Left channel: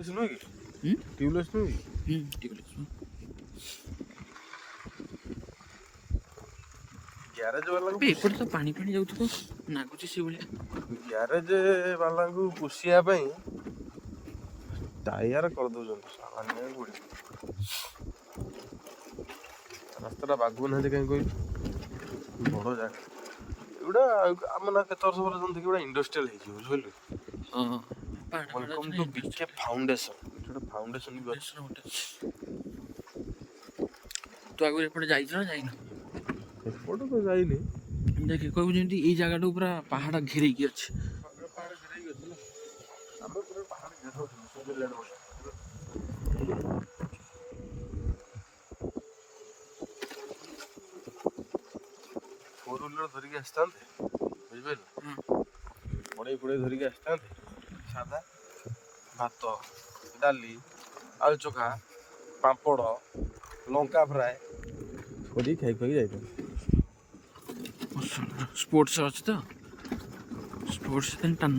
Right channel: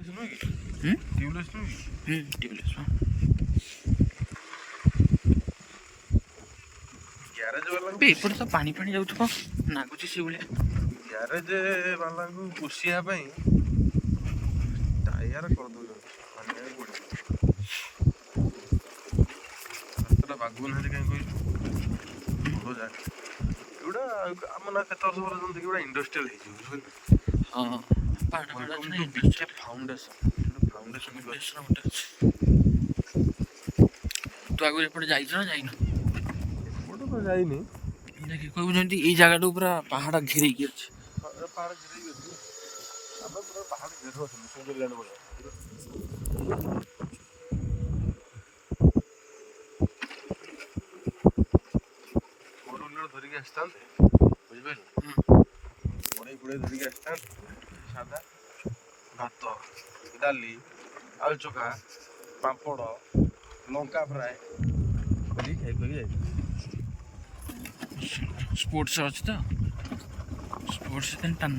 Tubeless tubeless garage वाला एपटे तो पानी पानी जाऊथबो नागुची से भलिया ग्यारेज वाला को पुषिया ପାଇଁ टायर कर दो रास्ता बागु ना कहीं कोई बड़ जाए एटा आम ना केत वर्ष पर देखि एटा इंडस्ट्रियल हे जी बुझिलु हां पाड़ा पाड़ा बीके फाउंडेशन फाउंडेशन होटे तो आगु एपटे जाइछ ना जाइनो एपटे तो जाइनी देखि कहू जेंति ई जगह पूरा पहाड़ घेरै की अछि पहाड़ घेरै की अछि आबे पूरा पहाड़ घेरो स्विट्जरलैंड हो धरिक आसता बुझे पड़े पड़े धरिक आसता सादा भात डाली आलू चोखा पापड़ लंका फ्राए करी खाई खाई जाए स्पोर्ट्स अछि तो स्पोर्ट्स दिन टन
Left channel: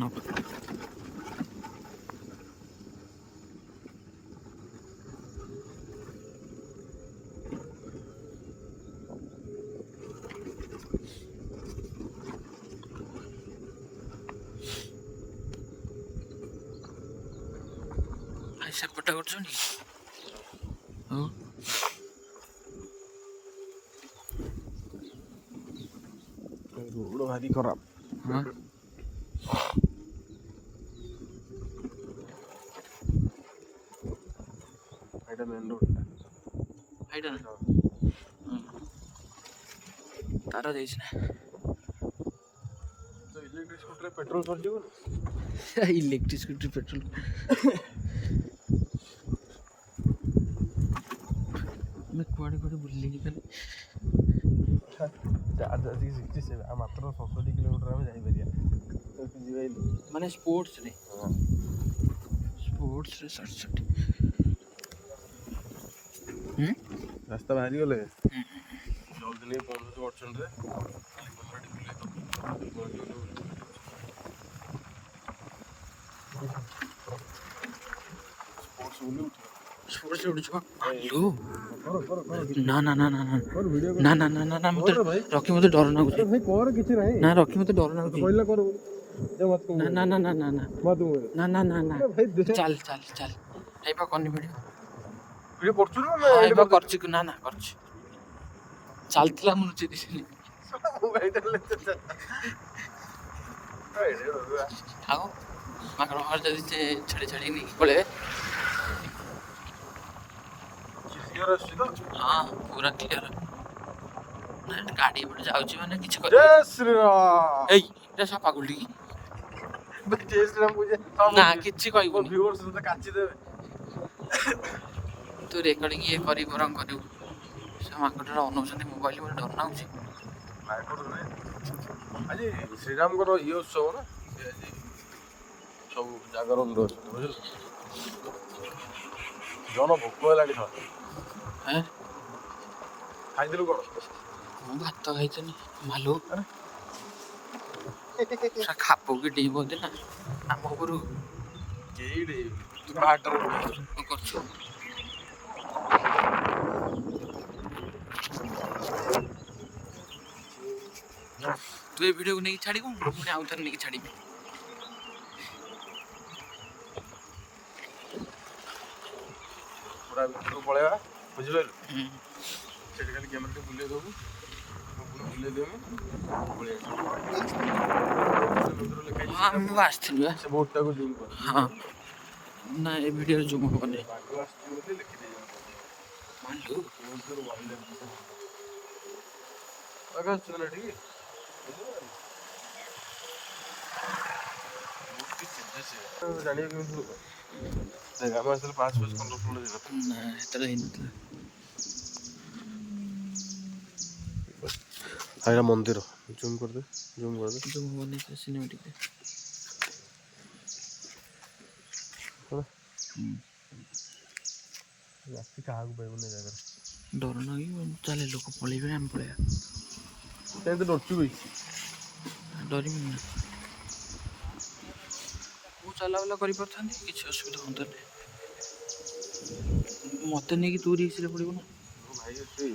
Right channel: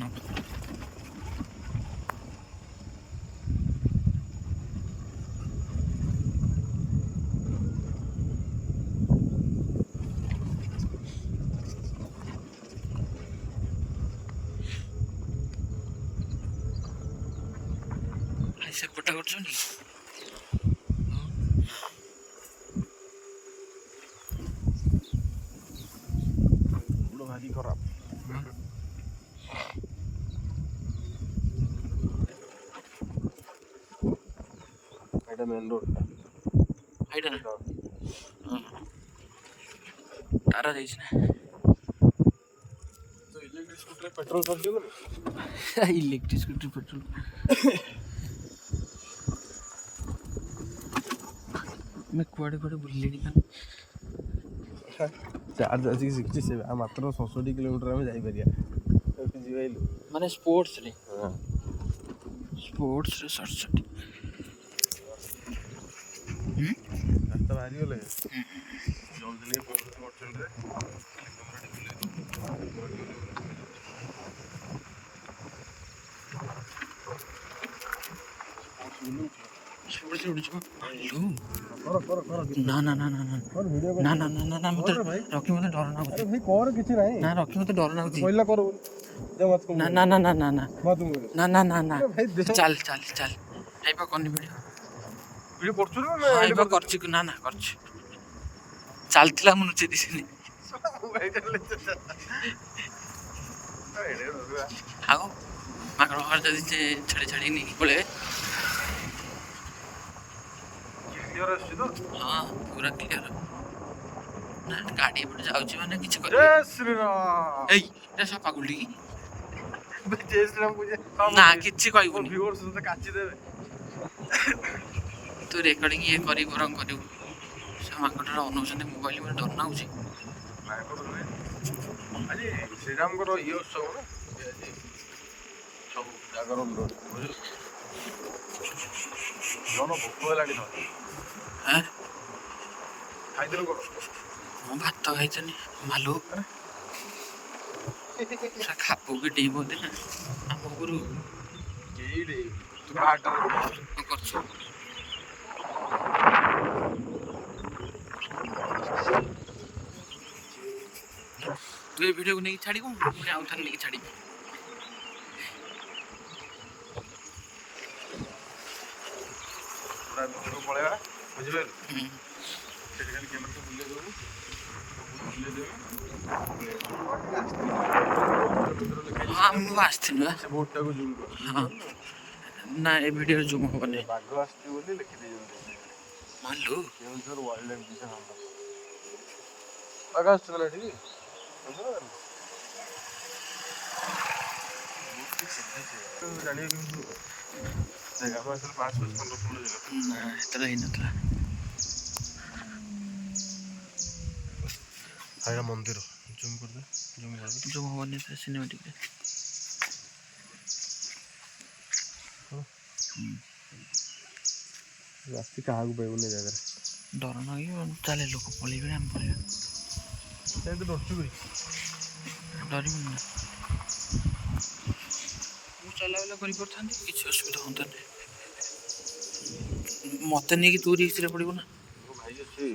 सेपटा करछनी रोड भारी खराब हां एटा मेन रोड हाइडा तारा जाइछ ना तो इलेक्ट्रिक स्कूटर पेट्रोल कर दियो इलेक्ट्रिक स्कूटर पेट्रोल मैं कुआडे कुआडे बुल्लेनी खाली चार्ज आज 67 मात्र 67 किलोमीटर में जाई परिया तो जीवाइलु माने स्पोर्ट्स रे 67 रास्ता बाहरी गले जल्दी ले पहुंच तो ऑप्शन रे स्पोर्ट्स उड़ छ हेलो ना ना ना ना ना कर वीडियो ना ना ना ना ना मत रखी मत डर ना अरे भाई कर किछि नाही ना रखी मत डर ना पहिला कर दे मत को ना ना ना ना ना ना मत ना ना ना ना भाई दे चल चल चल आइबा कोनी वीडियो ये करछु ना आइबा करछि ना ना करछि चालथिला मनु चे दिसनी आओ माकड़ हर जदी छड़ी छड़ी नहीं पळे हाँ पूरा क्लियर गाड़ी एपटे जाउची माने किछ कर जय श्री राम ए रे सापा गुल्डी की जय श्री राम बुझे ना किछ कहबुनी व्यूअर्स से काची देबे तू रेकर्डिंग ये करी बरम करू से माकड़रा अनौचंदी मोबाइल में डर ना होची अजी श्री राम को ये शो ना अजी सब जागर विरोध बुझे जन भोक लागी था हैं खाइदिलो को मो भात खाइछनी मालू सा खापो के डेबो देना हम गुरु केइडे तू काट करछु तू ये वीडियो को नहीं छाड़ी को पुणी आउ थर नहीं छाड़ी पूरा को पळेवा बुझिले सेठी खाली कैमरा से बुले देबू बुले देबू हां मु आस्थिन बा से बोर्ड को जूम कर हां ना ए वीडियो जूम होबने बागो आस्ती बोली लिखि दे मालू केउंझर वाइल्ड लाइफ दिसे बागो आस्ती चला ठीक जानी जगह में असल 5 बजे 15 मिनट ना इतना ही नतला आया मंदिर जूम कर दे जूम होबने तो सिनेमैटिक रे रास्ते कहाँ को पाइबने जगह डर ना कि चले लोक पळेबे हम पळेबा ते तो डरचु गई डरी मन ना चलावला करि परथांती किछ असुविधा होता नहीं। ମତେ ନେଇକି ତୁ ରିକ୍ସରେ ପଡ଼ିବୁ ନା। ଭାଇ ଅଛି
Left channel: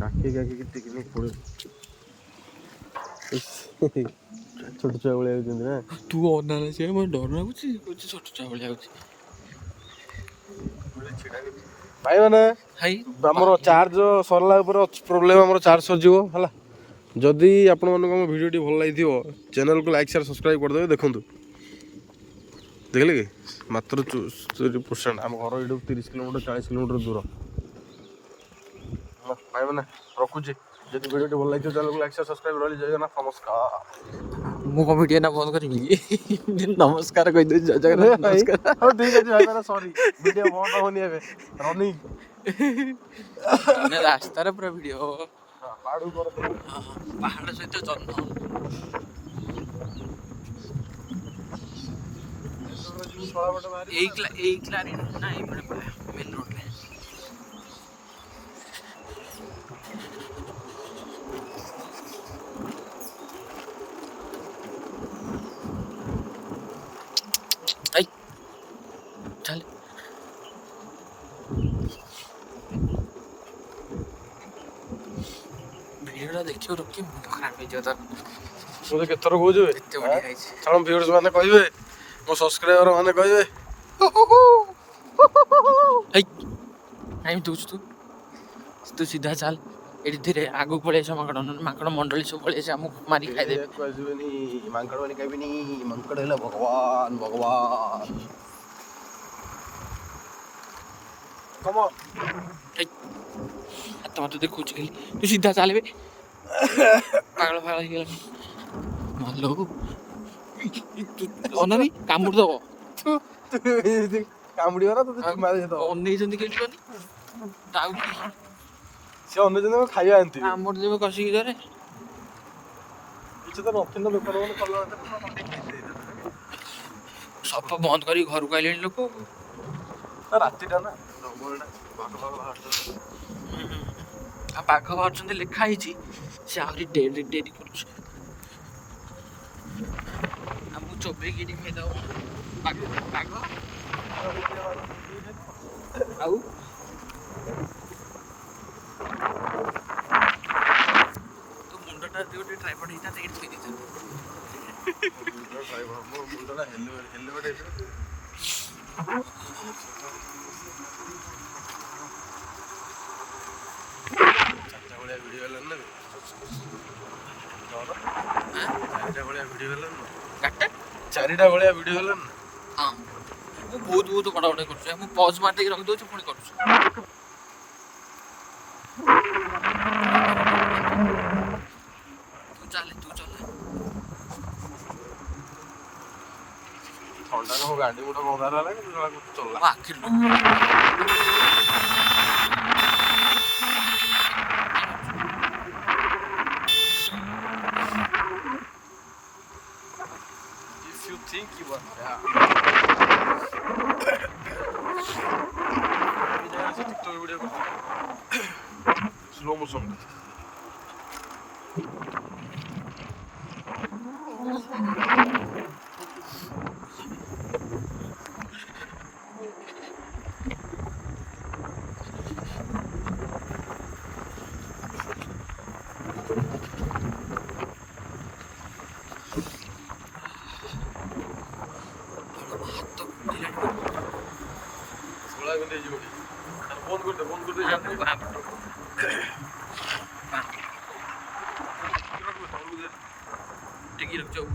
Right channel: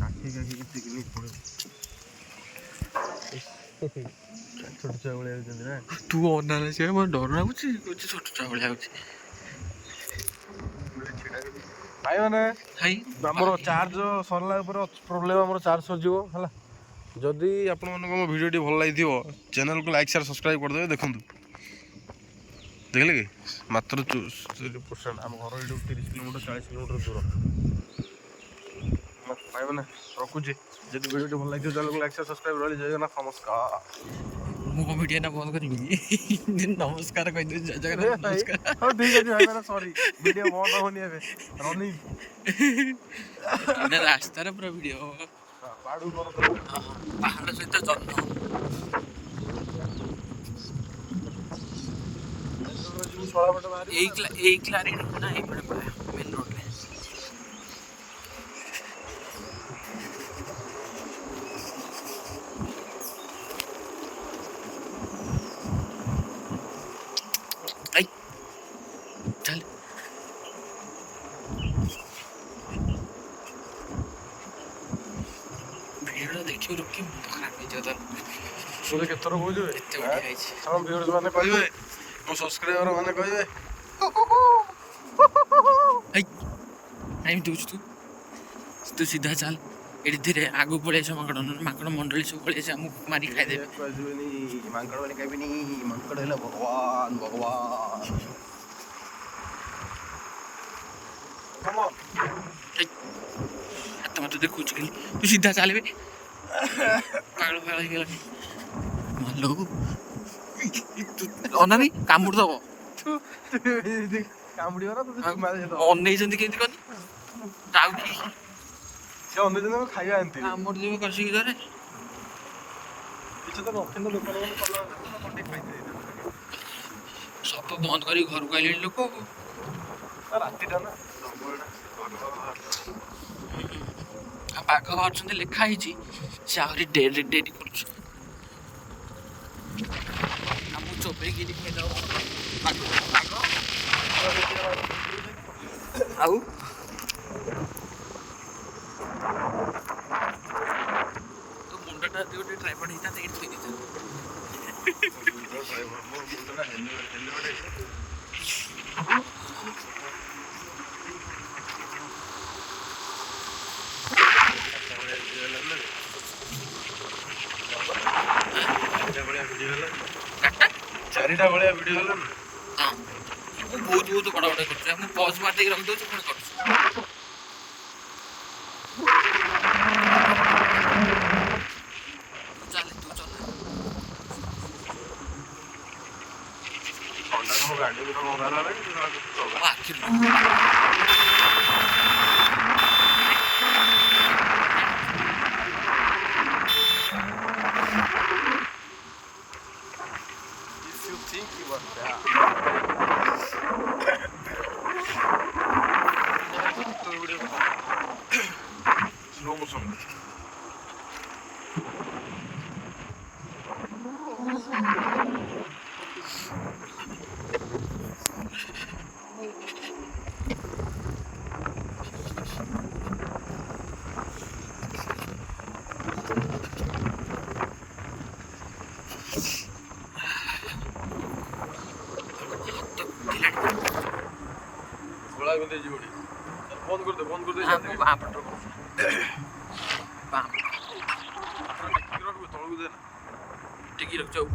କାଟି ଟିକେ ପଡ଼ିବ। ଛୋଟ ଛୁଆ ଭଳିଆ ହେଉଛନ୍ତି ନା। ତୁ ଅନାରେ ସେ ମୋର ଡର ଲାଗୁଛି, କହୁଛି ଛୋଟ ଛୁଆ ଭଳିଆ ହେଉଛି। ଭାଇ ମାନେ ଭାଇ ଆମର ଚାର୍ଜ ସରିଲା ଉପରେ ଅଛି ପ୍ରୋବ୍ଲେମ୍, ଆମର ଚାର୍ଜ ସରିଯିବ ହେଲା। ଯଦି ଆପଣମାନଙ୍କୁ ଆମ ଭିଡ଼ିଓଟି ଭଲ ଲାଗିଥିବ ଚ୍ୟାନେଲକୁ ଲାଇକ୍ ସେୟାର ସବସ୍କ୍ରାଇବ୍ କରିଦେବେ। ଦେଖନ୍ତୁ ଦେଖିଲେ କି ମାତ୍ର 64%। ଆମ ଘର ଏଇଠୁ 30 କିଲୋମିଟର 40 କିଲୋମିଟର ଦୂର। ଭାଇ ମାନେ ରଖୁଛି, ଯଦି ଭିଡ଼ିଓଟି ଭଲ ଲାଗିଥିବ ଚ୍ୟାନେଲକୁ ଲାଇକ୍ ସେୟାର ସବସ୍କ୍ରାଇବ୍ ରହିଲି। ଜୟ ଜଗନ୍ନାଥ, ନମସ୍କାର। ମୁଁ କ'ଣ ଭିଡ଼ିଓ ନା ବନ୍ଦ କରିବି? ନମସ୍କାର କହିଦେଉଛି, ଜୟ ଜଗନ୍ନାଥ ନମସ୍କାର। ହଉ ଠିକ୍ ଅଛି ଭାଇ ମାନେ, ସରି ଭିଡ଼ିଓ ବନ୍ଦ ହଉନି ଏବେ ରନିଂ। ଏଇନା ରାସ୍ତାରେ ପୁରା ଭିଡ଼ିଓ ହବ। ପାହାଡ଼କୁ କରନ୍ତୁ। ପାହାଡ଼ ସହିତ ଜହ୍ନ। ଏଇ କ୍ଲାରିଟି ନା ଏଇପଟେ ପଳେଇବା ମେନ୍ ରୋଡ଼ରେ। ଏଇ ଚାଲ ଭିଡ଼ିଓଟା ଦେଖିବ ରୋକି, ମୁଣ୍ଡ ଖରାପ ହେଇଯିବ ତାର। ମୁଁ କେତେଥର କହୁଛୁ ଏତେ ବଢ଼ିଆ ହେଇଛି। ଛାଡ଼, ଭିଉଅର୍ସ ମାନେ କହିବେ, ମୋ ସବସ୍କ୍ରାଇବର ମାନେ କହିବେ ହେଇ ଟାଇମ୍ ଦେଉଛୁ ତୁ ସିଧା ଚାଲ। ଏଠି ଧୀରେ ଆଗକୁ ପଳେଇ ଆସିବ, ମାଙ୍କଡ଼ ମଣ୍ଡଳୀ ସବୁ ପଳେଇ ଆସିବ, ଆମକୁ ମାରି ଖାଇଦେବେ। କହିବେନି ମାଙ୍କଡ଼ ମାନେ କହିବେନି, ମାଙ୍କଡ଼ ହେଲା ଭଗବାନ ଭଗବାନ। ହାତ ମତେ ଦେଖୁଛି ଖାଲି, ତୁ ସିଧା ଚାଲିବେ। ପାଗଳ ଫାଗଳ ହେଇଗଲାଣି ମାଲୋ। ଅନାନି କାମୁଡ଼ି ଦବ। କାମୁଡ଼ିବ ନା ଅନେଇଛନ୍ତି କେମିତି କହନି, ଟାଉକି ସେ ଅନେଇଛନ୍ତି ଖାଇବା ଆଣିଥିବେ। କାମୁଡ଼ି ଦେବେ କଷିକି ଧରେ। କିଛି ତ ନଥିଲା ଦୋକାନ ମାନେ କଲା ଖାଇଥିବେ। ସଫା ବନ୍ଦ କରି ଘରକୁ ଆଇଲେଣି ଲୋକ। ରାତିଟା ନା ଆଉ ବାଘ ବାହାରୁଛନ୍ତି ଲେଖା ହେଇଛି, ସେ ଆହୁରି ଡେରି କରୁଛୁ। ଆମକୁ ଚୋବେଇକିରି ଖାଇଦବ ବାଘ। ଆଉ ତୋ ମୁଣ୍ଡଟା ଯଦି ଗୋଟେ ଟ୍ରାଇପଡ୍ ହେଇଥାନ୍ତା ଏଇଠି ଥୋଇ ଦେଇଥାନ୍ତି। ଚାରିଟା ଭଳିଆ ଭିଡ଼ିଓ ହେଲାନି। ହଁ ମୁଁ ବହୁତ ବଡ଼ କରୁଛି। ମୁଁ ପଜ୍ ମାରି ଦେଇକି ରଖିଦେଉଛି, ପୁଣି କରୁଛୁ। ତୁ ଚାଲେ ଗାଡ଼ି ଗୋଟେ ଭଙ୍ଗା ହେଲା ମୋ ଆଖିରୁ If you think you are bad. Slow motion. बंद कर दे टिकी रख जाओ।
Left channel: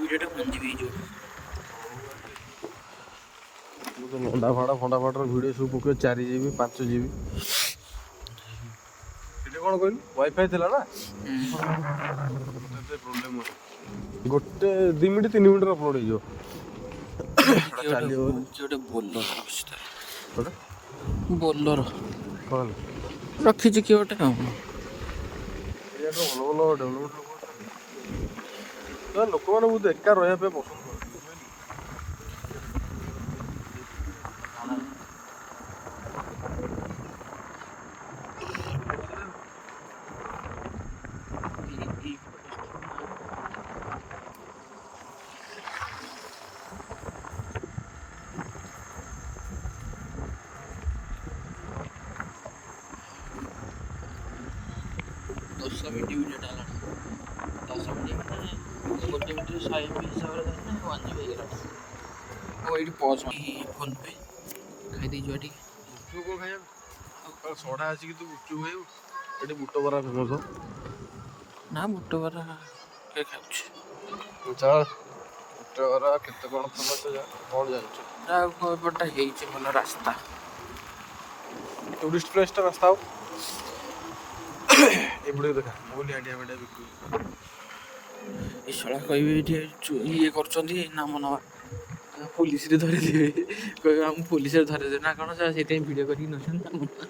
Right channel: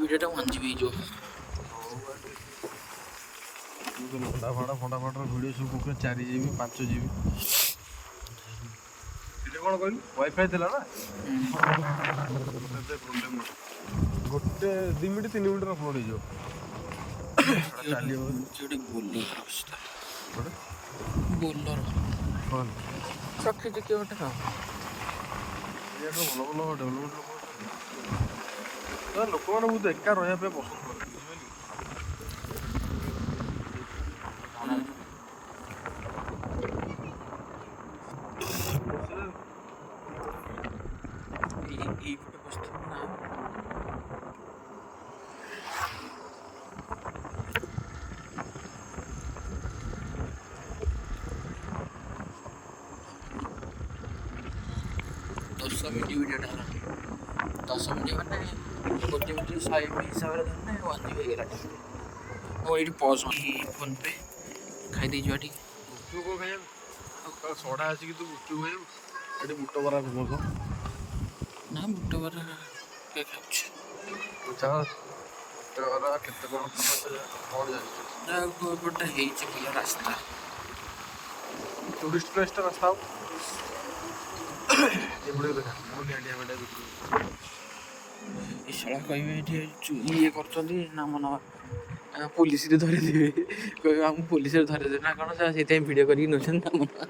ଭିଡ଼ିଓଟା 1 GB ହେଇଯିବ। ଫଣ୍ଡା ଫାଡ଼ର ଭିଡ଼ିଓ ସବୁ ପକେଇବ 4 GB 5 GB। ଏଇଟା କ'ଣ କହିଲୁ ୱାଇଫାଇ ଥିଲା ନା, ଗୋଟେ 2 ମିନିଟ୍ 3 ମିନିଟ୍ରେ ଅପଲୋଡ଼ ହେଇଯିବ। ଗୋଟେ ବୋଲର ରଖିଛି କିଏ ଗୋଟେ ଆଉ। ଭଲ ଭଲ ଡେଭଲପମେଣ୍ଟ ଲୋକମାନେ ବହୁତ ଏକା ରହିବା ପାଇଁ ପସନ୍ଦ କରନ୍ତି, ଦଶ ମିନିଟ୍ ଭିଡ଼ିଓଟା ହେଲାଣି। 10 ମିନିଟ୍ ମାନେ 1 ମିନିଟ୍ 100 ହିସାବରେ ଧରିଲେ 1 GB ହେଇଗଲାଣି। ଓ ଏଇଠି ପଜ ଫୋନ୍ ପେ ଖାଇଦେଇଯିବା ଟିକେ। ଗୁପଚୁପ କ'ଣ ଖାଇବା ସଢ଼ା ଆସିକି ତୁ ଗୁପଚୁପ ଖାଇବୁ? ଏଠି ବୁଟ ବରା ଫେମସ। ନା ବୁଟ ବରା କିଏ ଖାଉଛି? ବୁଟ ବରା କେତେ କ'ଣ ଜାଣିଛୁ? ଏପଟଟା ହେଇଛି ଭଲ ରାସ୍ତା, ଟୁରିଷ୍ଟ ପ୍ଲେସଟା ରାସ୍ତା ହବ ଏପଟେ ଦେଖା ବୋଲି ହାଣ୍ଡିଆ ଫାଣ୍ଡିଆ ବିକ୍ରି। ଏସବୁ କହିବେ ଏଠି ଇଏ କରୁଛନ୍ତି ନାମ ନେବା, ପୋଲିସରେ ଧରିଦେବେ, କହିବେ ଆମକୁ ପୋଲିସରେ ଧରିଦେବେ ନା କ'ଣ, ସେଇଥିପାଇଁ ଭିଡ଼ିଓ କରିକି ନେଉଛନ୍ତି ନାମ ନେବା।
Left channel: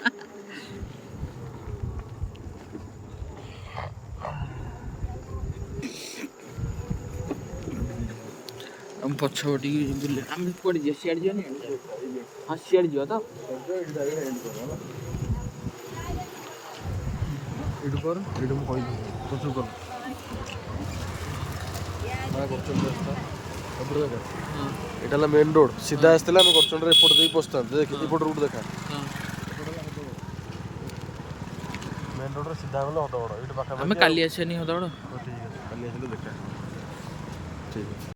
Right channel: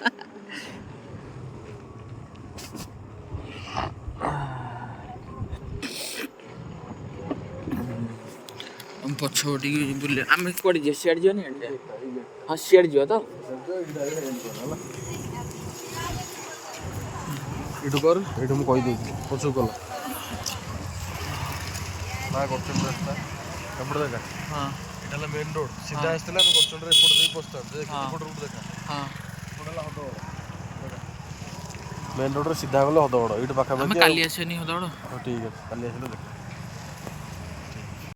ଆମ ପଛ ଟିକେ ବୁଲେ, ଆମେ କୁଆଡ଼େ ଯିବା? ସିଆଡ଼େ ଯିବାନି? ହଁ ସିଆଡ଼େ ଯିବା ତ। ଏଇଠୁ କର, ଏଇଠୁ ମୁଁ କହିଦେଇଥିଲି ପଛକୁ କଲ ମା ଗଡ଼ଚଣ୍ଡୀ ରାସ୍ତା ଏପଟେ ଦେଖା। ହଁ ଏଇଟା ହେଲା ମେନ୍ ରୋଡ଼, ସିଧା ଆସିଥିଲା ଆମେ ଗଡ଼ଚଣ୍ଡୀରେ ଏପଟେ ଦେଇ ପଶିଥାନ୍ତୁ। ଦେଖ ଏପଟ ରୁଟ୍ ଦେଖା, ହଁ ଏପଟେ ହେଲା ହଦଗଡ଼। ମେନ୍ ରୋଡ଼ରେ ସିଧା ଗଲେ ହଦଗଡ଼, ଏଇଠୁ ପାଖାପାଖି। ଆମେ କାଲି ଆସିବାନି ହଦଗଡ଼? ଠିକ୍ ଅଛି, କାଲି ଆସିଲେ ଦେଖା। ଠିକ୍ ଅଛି।